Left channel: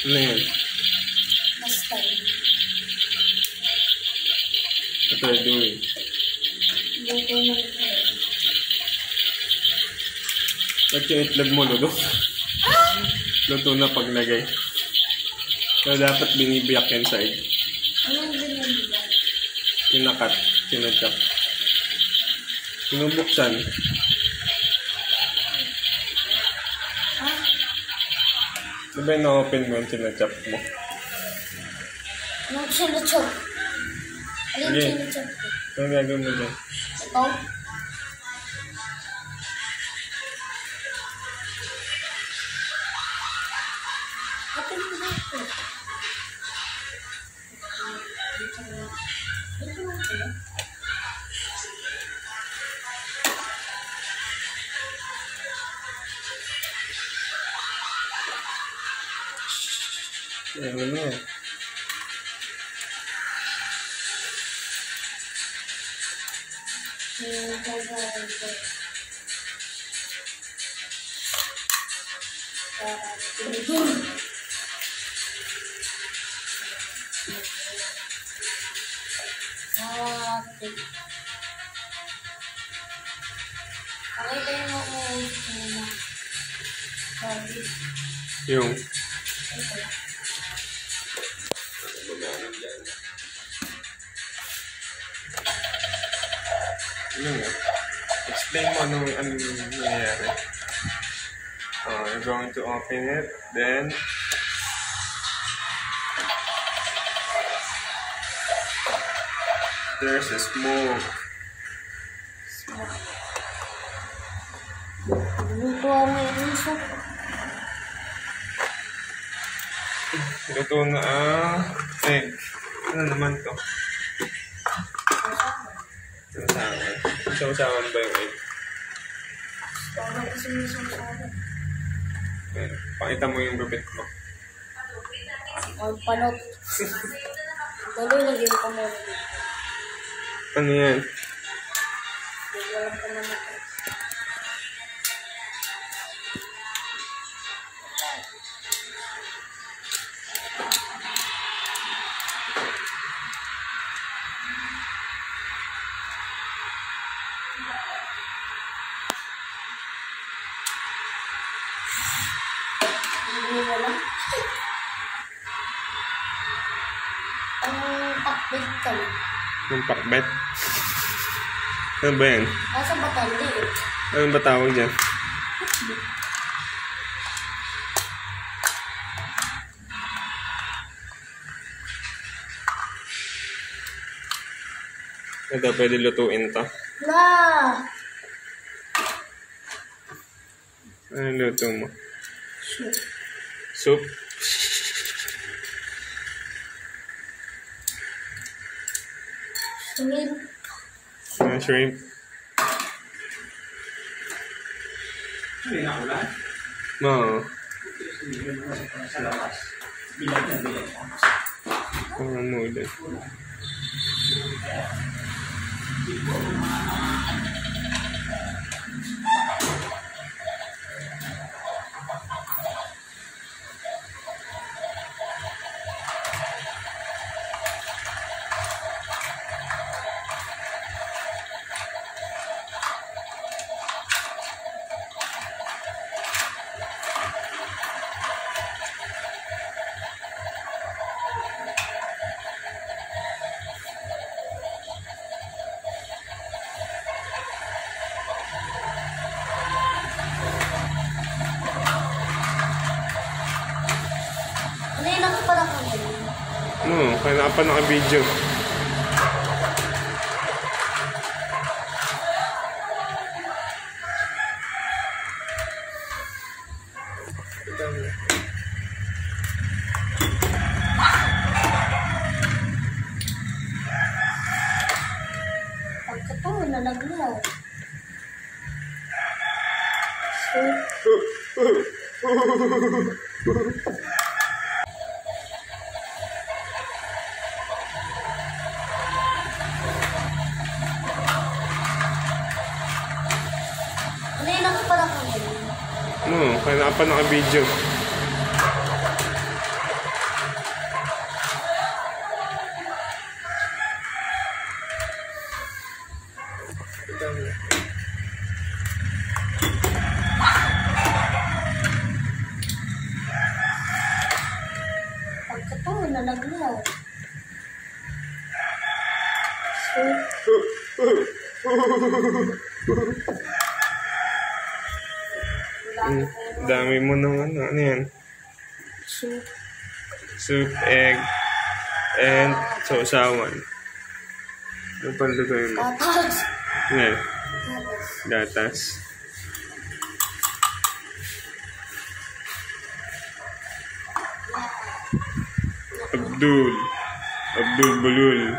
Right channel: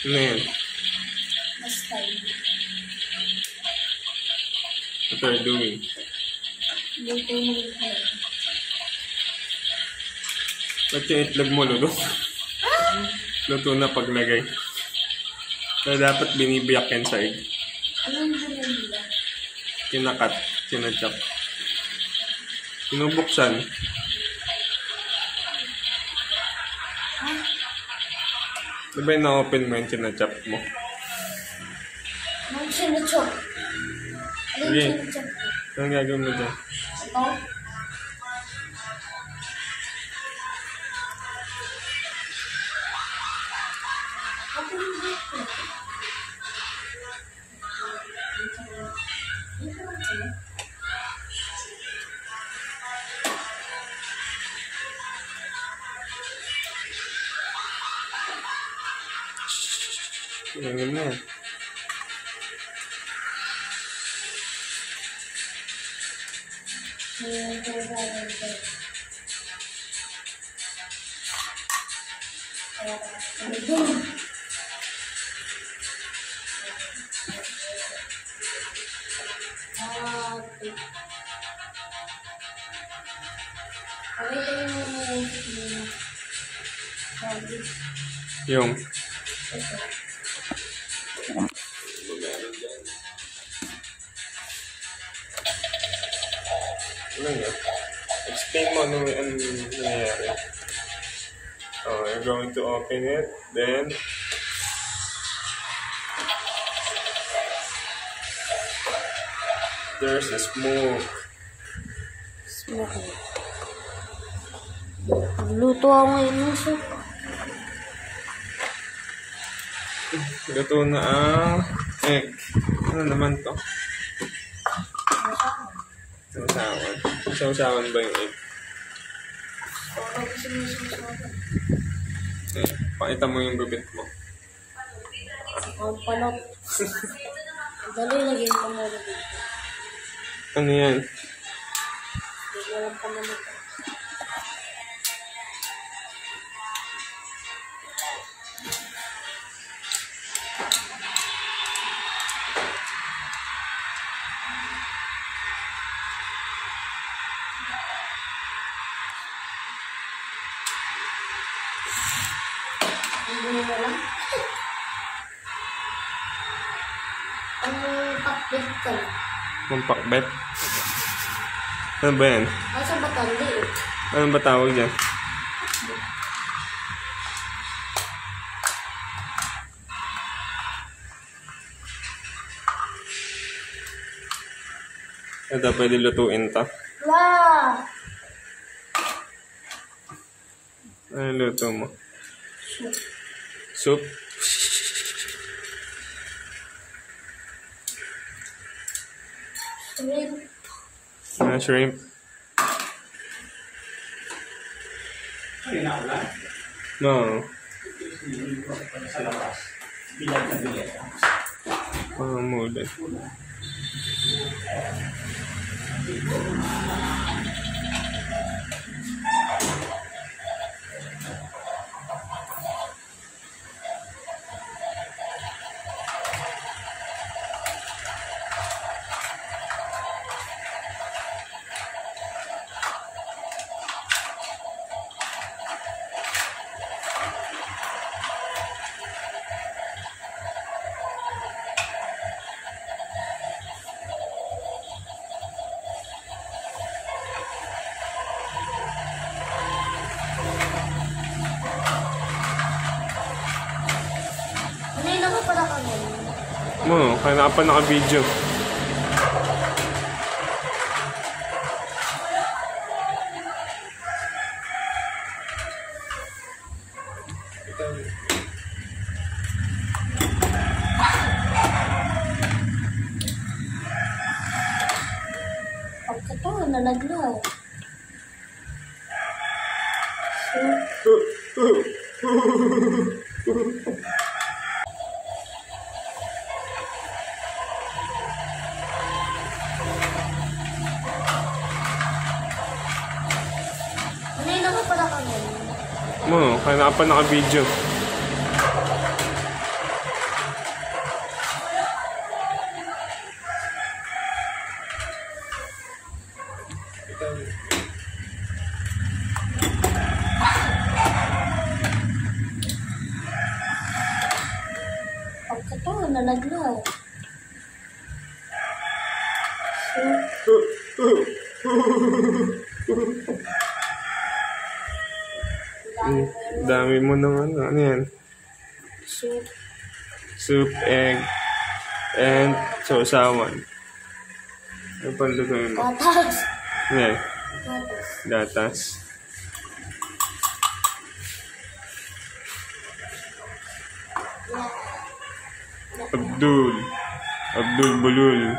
Ano yan? Basta yun. What are you doing? Luto ng itlog. Ba't yung itlog mo, Ludo? Luto na paglagay. Kaya dapat binibiyak yan sa egg. Anong ginagawa? Kinakat, kinachap. Sinubuksan. Diba yung na-open mo yung kinachap mo? Anong sinachop? Anong Sige. sinachop? Anong gagawin mo dyan? Ikaw? Open mo dito. Dito lang pala. Ano na yan? Yung ano nga? Explain mo ano nangyayari. You're going to open it, then there's a smoke. Luto ako ngayon ng soup. Luto na ang egg. Ano naman to? Sausawan. Sausawan ba yung egg? Parang kasi may sausawan. Pakita mo yung bibit mo. Ang panot. Dali, lagyan ko muna dito. Ano yan? Hindi ko alam pa naman ito. Hindi mo lang. Ang pakbit ka lang. Ang pakbet? Ano ba yan? Asa ba tali eh? Ano ba tawag dyan? Ito, pwede lutuin to. Wow! Ano luto mo? Soup. Soup? Shrimp. Shrimp? Oo. Parang mulan. Kanina ka pala kami. Kaya pa naka-video. Pagkataon, nalaglaw. Kanina ka pala kami. Kaya pa naka-video. nalaglaw. Dami mo ng ano yan? Soup. Soup, egg, and sausawan. Ano pa lutuin mo? Gatas. Yan. Gatas. Gatas. Abdul Bulul.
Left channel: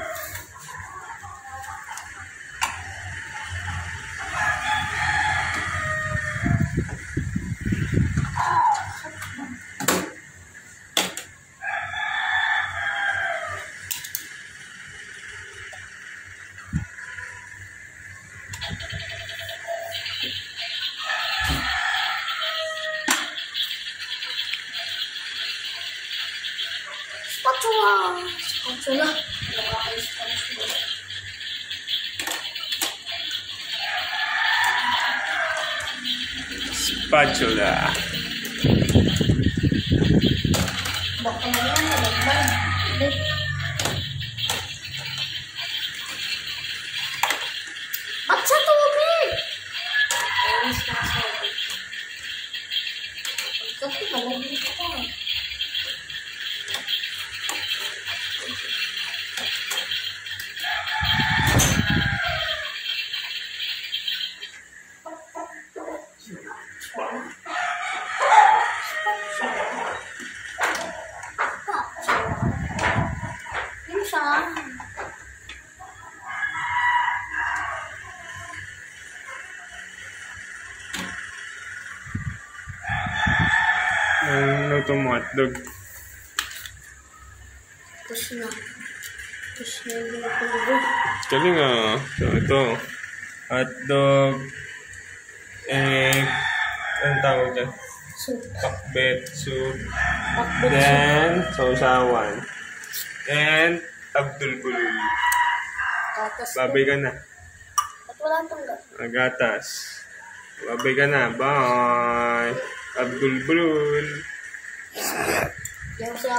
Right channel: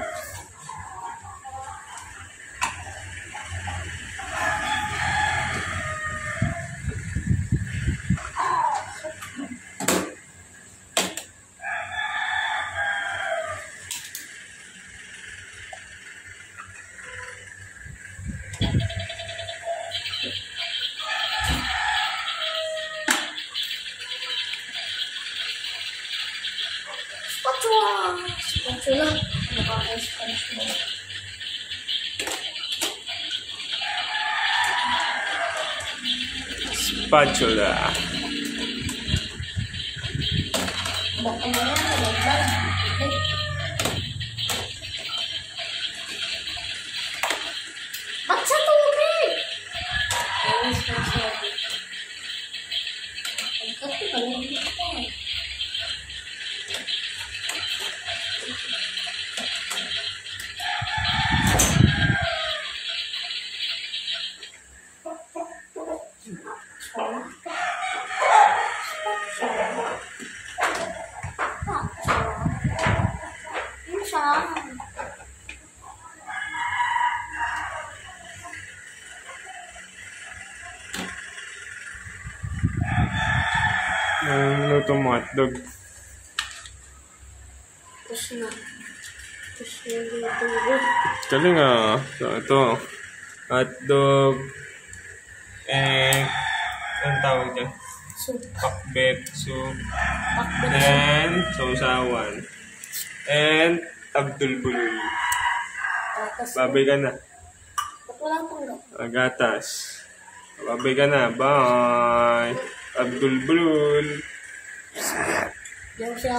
Spatula. Spatula. Nakaayos pa na sila. Spatula. Baka mo yan, nalaglag. Ba't sa tubig? Ayos ka sa tubig. Pagkati ka lang dito. Yun siya. Luto mo hotdog. Tapos na. Tapos na yung tubig. Galing ah. So ito. Hotdog. Egg. Anong tawag dyan? Soup. Pakbet soup. Pakbet soup. Then, sausawan. And Abdul Bulul. Gatas. Babay ka na. Ba't wala pang gatas? Gatas. Babay ka na. Bye. Abdul Bulul. Yung siya.